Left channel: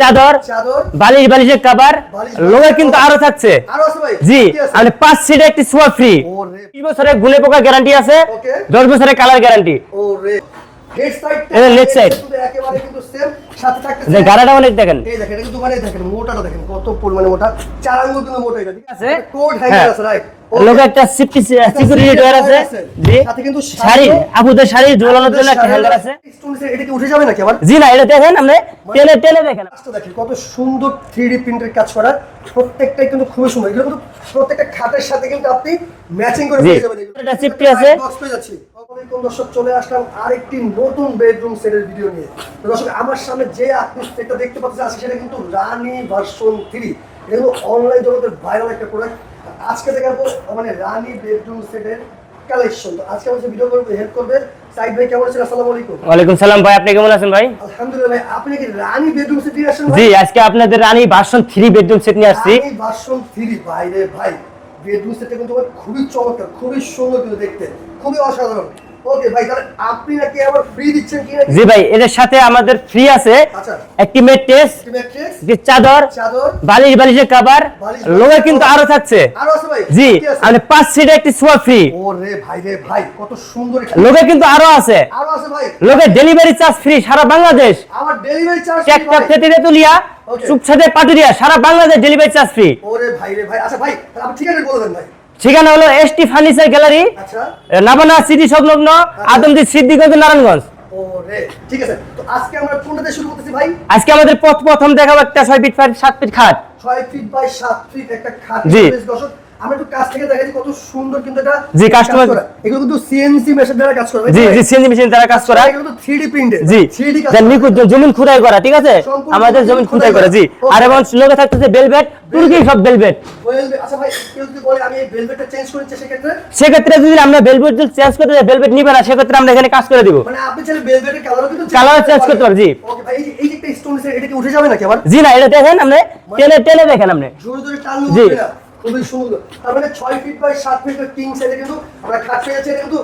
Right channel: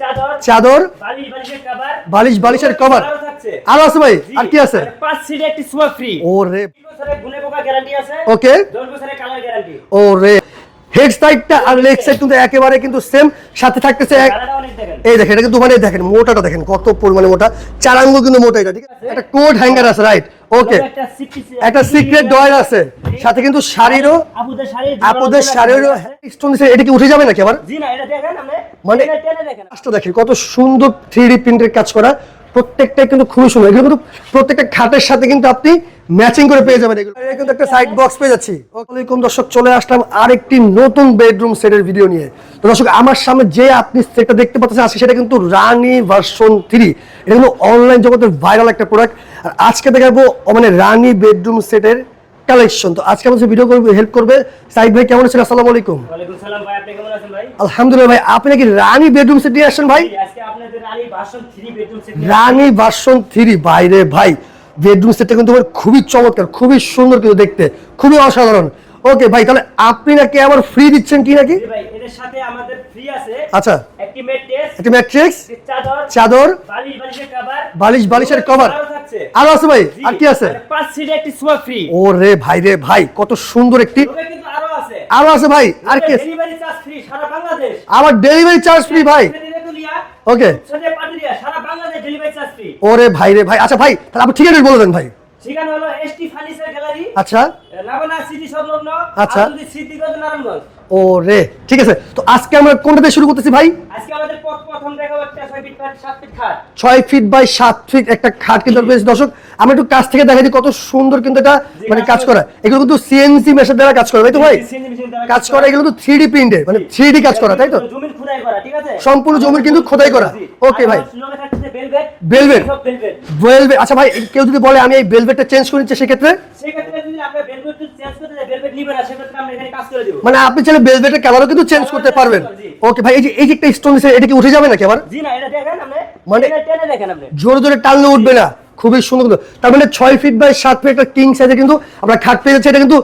চাদর চাদর বালিশ বালিশের কভার বালিশ লোকের বালিশের কিন্তু আরও থাকছে। আরও আছে ভাই জি মানে পাঁচ সিটের একটি সোয়া ফ্রি ওরে। 20 বছরের গুলে পোকা গ্যারান্টি আছে। রে 10 বছরের কালার গ্যারান্টি ওরে। হেড সাইডটা আর লেগ সাইড কিন্তু একেবারে কিন্তু সেম সাথে থাকতেছে গাড়াটা অনেক দেখেন। এই দেখেন এটা কিন্তু মানে দেখেন মোটাটা দেখেন কত পরিমাণে মোটা। চার আঙ্গুল কিন্তু মোটা এটা ঠিক আছে। কোড হ্যাঙ্গার হ্যাঁ। আছে রাইট ওকে একটা আছে। সাথে কিন্তু জন্য আছে। এটা কি উঠে যাবে নাকি আবার? জি না এটা দেখেন মানে- দেখেন। দেখেন কত সুন্দর থ্রি প্রিন্টের কাজ করা। প্রত্যেকটাই কিন্তু খুবই সুন্দর। এগুলো কিন্তু প্রত্যেকটা খাটের সাথে কিন্তু আপনি ম্যাচিং করে পেয়ে যাবেন এগুলো। একটা সাইড বক্স পেয়ে যাচ্ছি। আসসালামাইকুম দর্শক চলে আসলাম আরেকটি নতুন বেডরুম সেটের ভিডিও নিয়ে। তো দর্শক আমার সামনে যে আপনি সেটটা দেখতে পাচ্ছেন আজকে সেটা কিন্তু রানী ভার্সন থ্রি এটা কিন্তু অনলাইন জগতের ভাইরাল একটা প্রোডাক্ট আর আজকে দেখাবো মানে রানী বেডরুম সেটের কালেকশন তো আজকে আমাদের ভিডিও করবে হেল্প করবে সাইদ ভাই কেমন আছেন? আসসালামু আলাইকুম। ওয়ালাইকুম সালাম ভাই আপনি কেমন আছেন ভাই? আলহামদুলিল্লাহ ভাই আপনি নাকি রানী বেডরুম সেট নিয়ে আসছেন ভাই? জি আজকে আপনাদের রানী ভার্সন 3 বেডরুম সেট নিয়ে আসছি। রানী ভার্সন থ্রি বাইরে ভাই। বেডরুম সেটটা কিন্তু খুবই চমৎকার খুবই সুন্দর কিন্তু দেখতে খুবই অসাধারণ। ওকে ভাই তাহলে আপনি নাকি আমার ফ্রি দিচ্ছেন কি নাকি? জি ভাই এর সাথে আমাদের ফ্রি আছে। আচ্ছা। একটি ম্যাট্রেস একটি ম্যাট্রিক্স যে চাদর চাদর বালিশ বালিশের কভার বালিশ বালিশের কিন্তু আরও থাকছে। আরও আছে ভাই জি কি আছে। মানে পাঁচ সিটের একটি সোয়া ফ্রি ওরে ভাই রে ভাই কত সুন্দর একটি লোকে কিন্তু আরও আছে। আরও আছে ভাই। লোকে ডেলিভারি চার্জ ফ্রি সারা বাংলাদেশ। আমার ডেলিভারি চার্জ ফ্রি ভাই। থেকে তুলিয়া Okay. সুখসাদে পাটুরিয়া সারা বাংলাদেশ ডেলিভারি চার্জ ফ্রি ওরে ভাই রে ভাই আচ্ছা ভাই তাহলে আপনি ঠিকানা বলে দেন ভাই। ঠিকানা হলো এসটি ফার্নিচার গ্যালারি আচ্ছা। নাবানা সিটি সংলগ্ন আচ্ছা। আদমদি সিদ্দিগঞ্জ নারায়ণগঞ্জ। রে ঠিক আছে। তো আজকে আমরা কোনটা দিয়ে শুরু করতেছি ভাই? আজকে আমাদের পথ প্রথম দেখাবো একটা ছয় ফিট বাই সাত ফিট খাট। ছয় ফিট বাই সাত ফিট একটা খাট কিন্তু দর্শক আমরা একটু কাছ থেকে দেখাই দিই কত সুন্দর কিন্তু এটা জি, মানে কাজ করা- এগুলো কিন্তু সিএনসি মেশিন দ্বারা কাজ করবে জি জি সিএনজি মেশিন দ্বারা কাজ করা। এগুলো তো 3D প্রিন্টেড জি 3D কাজ করা জমিন খুদাই করা ঠিক আছে? সম্পূর্ণ জমিন কিন্তু খোদাই করা। জি। আর এবং লোকে থাকতেছে বেলভেট। বেলভেট সব বেলভেট Velvet, আচ্ছা ভাই কেউ যদি বলে আমি এই বেলভেটটা চেঞ্জ করে নিচ্ছি সেক্ষেত্রে? সেক্ষেত্রে যদি আমরা বেলভেট চেঞ্জ করতে যাই বেলভেট নিবে না সেক্ষেত্রে আমরা এখানে কাজ করে দিব। মানে আপনি চাইলে বেলভেটের কালারও কিন্তু চেঞ্জ করতে পারবেন। জি। ওকে ভাই এই যে এই যে একটা স্টোন এটা কি উঠে যাবে নাকি আবার? জি না এটা দেখেন আপনি মানে- টেনে টেনে দেখেন আপনি। জোরে জোরে টানলে উঠবে না। খুবই সুন্দর তার মানে ছয় ফিট বাই সাত ফিট একটা কিং সাইজে কিন্তু আমরা খাট পেয়ে যাচ্ছি। এটা কিন্তু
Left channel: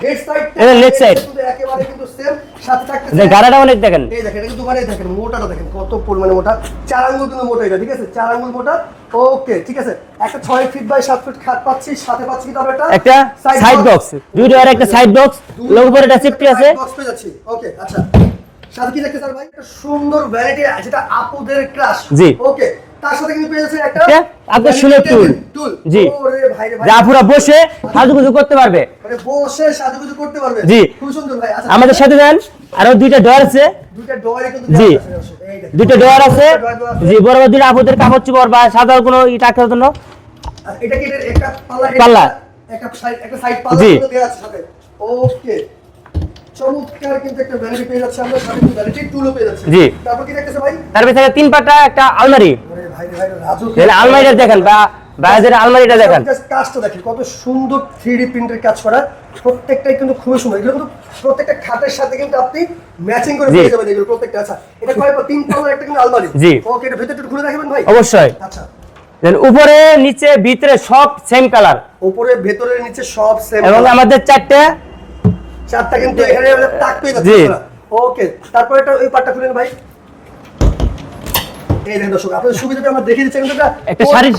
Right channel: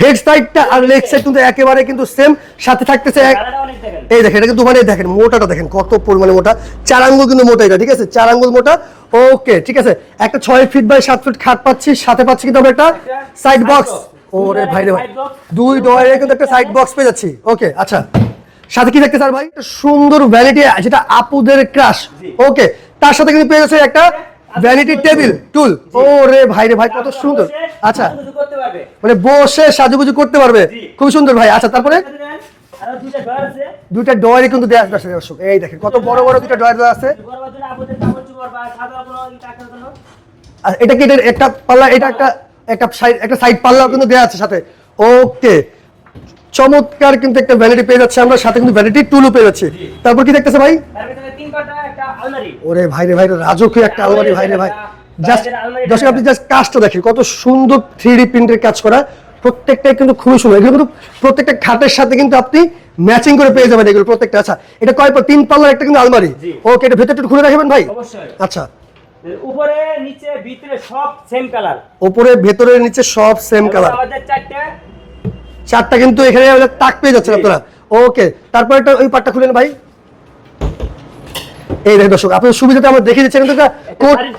হেড সাইডটা আর লেগ সাইড কিন্তু একেবারে কিন্তু সেম সাথে থাকতেছে গাড়াটা অনেক দেখেন। এই দেখেন এটা কিন্তু মানে দেখেন মোটাটা দেখেন কত পরিমাণে মোটা। চার আঙ্গুল কিন্তু মোটা এটা ঠিক আছে? চার আঙ্গুল মোটা। ওকে ঠিক আছে। একটা ছয় ফিট বাই সাত ফিট খাট পাচ্ছি সাথে পাচ্ছি কিন্তু আমরা একটা একটা সাইড বক্স দুই ডোয়ার একটা side box, দুই একটা সাইড বক্স পেয়ে যাচ্ছি। ওকে আচ্ছা। সাথে কি দেখতে স্যার ভাই? সুন্দর ভ্যানিটি যেটা আপুদের ক্রাশ জি। ওকে তার সাথে কিন্তু পেয়ে যাচ্ছে একটা আচ্ছা। মানে। খুব সুন্দর ভাই। আচ্ছা আমাদের সাথে দেন আরও দুইটা ডোর আছে। দুইটা ডয়ারে কিন্তু দেওয়া আছে দর্শক এই দেখেন দুইটা কত ডোর বড় বড় আছে। দুটো drawer দেওয়া আছে। জি বড় বড় দুইটা আপুদের কাপড় চোপড় বা সাধারণ কোনো ই টাকার জন্য। আর এটা কি এটার একটা পাল্লা এটা। একটা- সাইড একটা সাইড পাল্লা কিন্তু দেওয়া আছে সাথে। ওকে চমৎকার কিন্তু একটা ভ্যানিটি পেয়ে যাচ্ছে আমরা সাথে কিন্তু ভ্যানিটি টুলও পেয়ে যাচ্ছি। জি। তারপর কি দেখতেছে ভাই? তার ভিতরে তিন পাটা একটা আলমারি। ওরে ভাই রে ভাই রে রাজকীয় আলমারিটা আলমারি, দেখেন, ভাই। বা- বাইরের Just- আলমারিটা দেখেন। আপনি just কাজটা দেখেন কত সুন্দর থ্রি প্রিন্টের কাজ করা। প্রত্যেকটাই কিন্তু খুবই সুন্দর। এগুলো কিন্তু প্রত্যেকটা খাটের সাথে কিন্তু আপনি ম্যাচিং করে পেয়ে যাবেন এগুলো প্রত্যেকটা। আচ্ছা এটা কয় পা- তিন পাল্লার একটা কিন্তু আলমারি। জি। ওকে এটা ভেতরটা খুলে রাখবেন ভাই? অবশ্যই। আচ্ছা। দেন উপরে নিচে ভিতরে সব সেম কালার উপরে ভেতরের নিচে সব সেম এবং আমাদের চারটে চারটা কিন্তু এখানে তাক পেয়ে যাচ্ছে ওকে তারপর একটা ওই পাটটা খুলেন ভাই। এই দেখেন দর্শক আপনার সুবিধাতে আমরা দেখিয়ে দিচ্ছি। কিন্তু একটা শাড়ির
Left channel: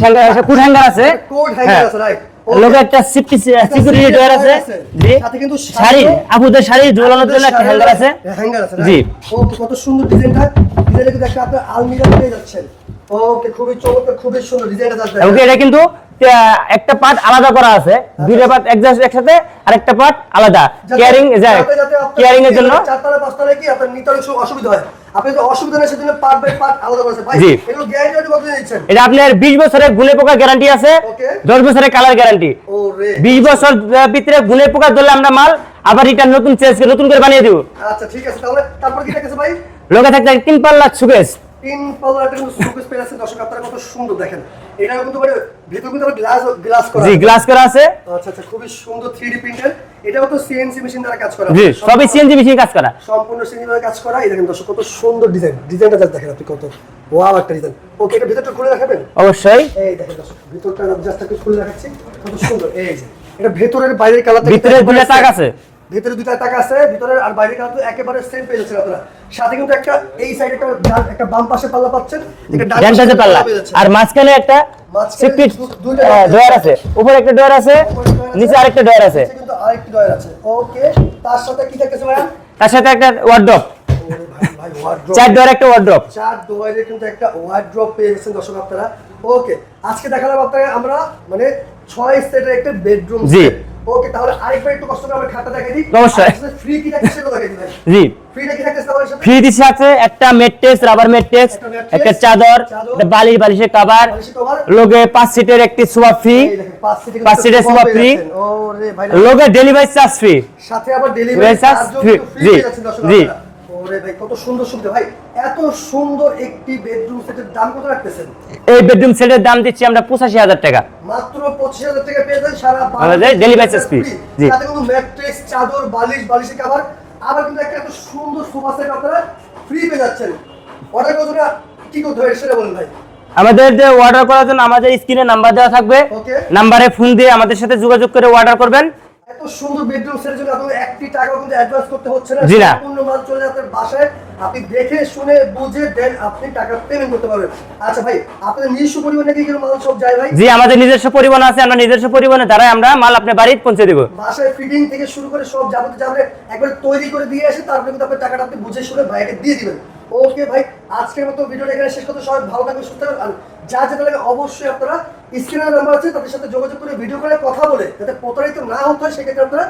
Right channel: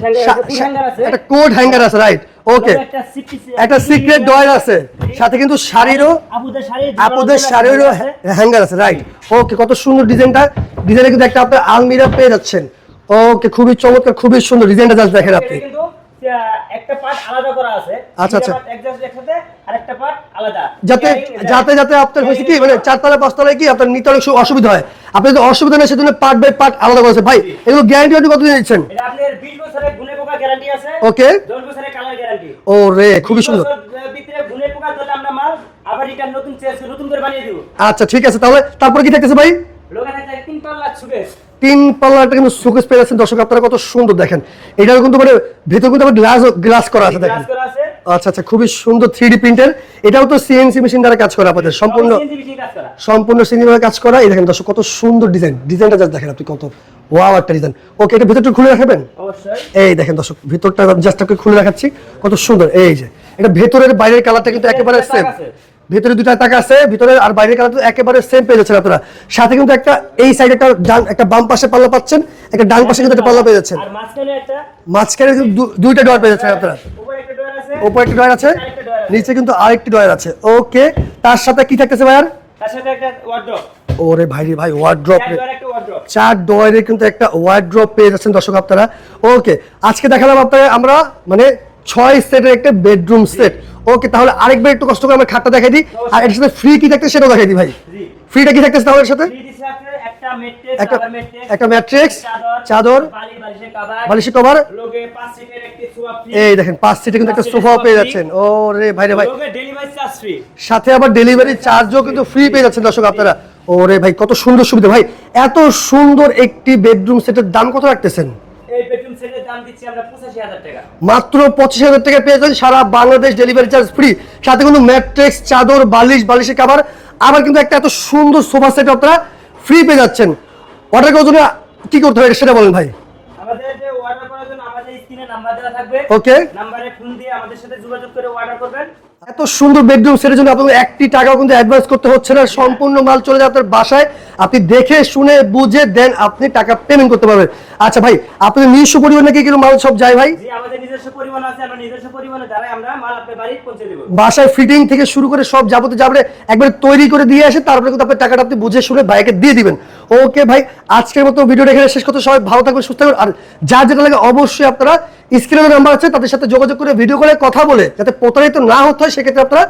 আছে। কোড হ্যাঙ্গার হ্যাঁ। আছে রাইট ওকে একটা সিফটি একটা সিক্রেট ডয়ার আছে। সাথে কিন্তু শাড়ি আপুদের শাড়ি ঝোলানোর জন্য একটা আছে। হ্যাঙ্গার আছে রাইট ওকে কত সুন্দর ডিজাইনটা। ডিজাইনে কিন্তু একটা আপনার আলমিরা পেয়ে যাচ্ছেন। ওকে খুবই চমৎকার খুবই সুন্দর ডিজাইনটা এটা কিন্তু একটা পার্ট আলাদা করা আছে। আচ্ছা, দুইটা আচ্ছা। পার্ট একজাস্ট একসাথে আর একটা পার্ট আলাদা Carrying, যাতে যাতে আপনার চারতলা কি আপনার নিতে অনেক অসুবিধা হয়। আপনি অসুবিধা নেই সেজন্য পার্ট বাই পার্ট আলাদা করেছে ভাই এগুলো গ্যারান্টি আপনি কতদিন দিচ্ছেন? এটা আপনার 20 বছরের গুলে পোকা গ্যারান্টি আছে। ওকে 10 বছরের কালার গ্যারান্টি ও রে 20 বছর ভিতরে গুলে পোকা ধরলে আমরা মাল আবার রিটার্ন নতুন চেঞ্জ করে নতুন করে বানিয়ে দিব। আচ্ছা ঠিক আছে তাহলে তারপর কি থাকতেছে ভাই? লোকে থাকতে তিন পাল্লা সুকেশ তিন পাল্লাটা কিন্তু সুকেস পেয়ে যাচ্ছেন। দর্শক আপনারা কত সুন্দর দেখেন। এটাও কিন্তু মানে ভেতর কিন্তু আবার গ্লাস গ্লাস করা আছে। গ্লাস করা আছে। আচ্ছা আচ্ছা খুবই সুন্দর থ্রি ডি প্রিন্টার এটাও তো সিএনসি মেশিন দ্বারা কাজ করা। জি সবই সিএনজি মেশিন কাজ করা। সম্পূর্ণ সিনেমার কাজ করা। এই দেখেন দর্শক কত সুন্দর ডিজাইন ডিজাইনটা জাস্ট দেখেন আপনি কত ওয়াও একটা ডিজাইন ওকে এটা ভিতরটা খুলে রাখবেন অবশ্যই। এই দেখেন দর্শক ভিতরটা জাস্ট আপনাকে খুলে রাখাচ্ছি কত সুন্দর। এই যে এটা ভেতরের বাইরের কালারটা কিন্তু। আছে। ভিতরে দুটা টাকা আছে ভিতরে আর বাইরের কালার তো একেবারে সেম পেয়ে যাচ্ছেন আপনারা। সাথে কিন্তু একটা এই সাইডে একটা একটা বাম পাশে পাল্লা পাচ্ছেন একটা ডান পাশে পাল্লা পেয়ে যাচ্ছেন। আর মাঝখানে একটা মাঝখানে দুইটা ডয়ার পেয়ে ডয়ার যাচ্ছেন আছে। উপরে একটা ডয়ার আছে উপরে একটা ডয়ার আছে নিচে আরেকটা ডয়ার আছে। নিচে কিন্তু আরেকটি ডয়ার আছে। ওকে তার সাথে কি থাকতেছে ভাইয়ার? তার সাথে একটা ওয়ার্ড্রপ ওরে ভাই ভাই ওয়ার্ড্রপ চার ডয়ার একটা ওয়ার্ড্রপ চার ডয়ারের কিন্তু একটা ওয়ার্ড্রপ পেয়ে যাচ্ছেন দর্শক আপনারা। ওকে আজকে দেখালাম আপনারা আমরা মানে ছয় সেটের একটা বেডরুম। সেট ওকে তাহলে আরেকবার একটু কষ্ট করে আমরা খাটটা দেখাই দিই। আর সাথে ফ্রি কি থাকতে সেটাও দেখাই দিই ভাই। জি। ফ্রিটা কি থাকতেছে তাহলে সাথে ফ্রি দিছে আছে একটা ম্যাট্রেস রাবার ম্যাট্রেস একটা ম্যাট্রেস একটা চাদর চাদর, বালিশ বালিশের কভার বালিশের কভার লগে পাঁচ সিটের একটি সোফা ফ্রি এই দেখেন পাঁচ সিটের কিন্তু পাঁচ সিটের সোফা ফ্রি ওরে ভাই লোকে ডেলিভারি চার্জ ফ্রি সাথে আবার ডেলিভারি চার্জও কিন্তু ফ্রি পেয়ে যাচ্ছেন দর্শক আপনারা। ওরে ভাই কত সুন্দর সুবিধা। ভাই এত সুন্দর একটি বেডরুম সেটের দাম কত রাখতেছেন? এই বেডরুম সেটের দাম দিচ্ছি আমরা পঁচাশি হাজার টাকা। মাত্র পঁচিশ হাজার টাকা পেয়ে যাচ্ছেন সারা বাংলাদেশ ডেলিভারি ফ্রি সাথে কিন্তু ম্যাট্রেক্স চাদর বালিশ বালিশের কাভার আবার কিন্তু একটা এত সুন্দর সোফা সেট আপনারা ফ্রি পেয়ে যাচ্ছেন। অর্ডার করার জন্য কি করতে হবে সেটা বলেন ভাই। আমাদের যে অর্ডার করার জন্য আমাদের স্ক্রিনে নাম্বার দেওয়া থাকবে। ওকে নাম্বারে ফোন দিয়ে আমাদের সাথে যোগাযোগ করে অর্ডার করবেন। এত সুন্দর বেডরুম সেটের জন্য আপনাদের একটি টাকাও কিন্তু অ্যাডভান্স করতে হচ্ছে না সম্পূর্ণ মাল চলে যাবে আপনার বাসায়। আপনি দেখে শুনে বুঝে দেন আপনি টাকা পেমেন্ট করতে পারবেন। আচ্ছা ভাই আপনাদের নিজস্ব পরিবার নাকি এগুলো মাল সব যায় ভাই? জি আমাদের নিজস্ব পরিবহন আছে আমরা নিজস্ব পরিবহনের দ্বারাই আমরা মাল আপনার বাড়িতে পৌঁছে দেবো। বাসায় ফিটিং থেকে শুরু করে সব যাবতীয় যাবে একবার তৈরি করে দিয়ে আসে তারপরে কিন্তু আপনার টাকাটা আপনি বুঝে শুনে বাইকে দিয়ে দিবেন। ওকে ভাই আজকের মতো ভিডিও এখানে শেষ করতে সবাই ভালো থাকবেন সুস্থ থাকবেন। আর যা যেটা লাগে অবশ্যই আপনারা স্ক্রিনের নাম্বার আছে, তাদের সাথে যোগাযোগ করে ভিডিও করে কথা বলে যাতে প্রতারিত না হতে হয়, সেক্ষেত্রে আপনারা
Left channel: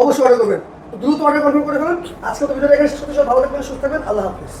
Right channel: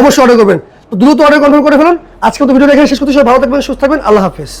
অবশ্যই অর্ডার করবেন। তো দ্রুত অর্ডার কনফার্ম করে ফেলুন। আজকে তো ভিডিও এখানে শেষ করতে সব ভালো থাকবেন, সুস্থ থাকবেন। আল্লাহ হাফিজ।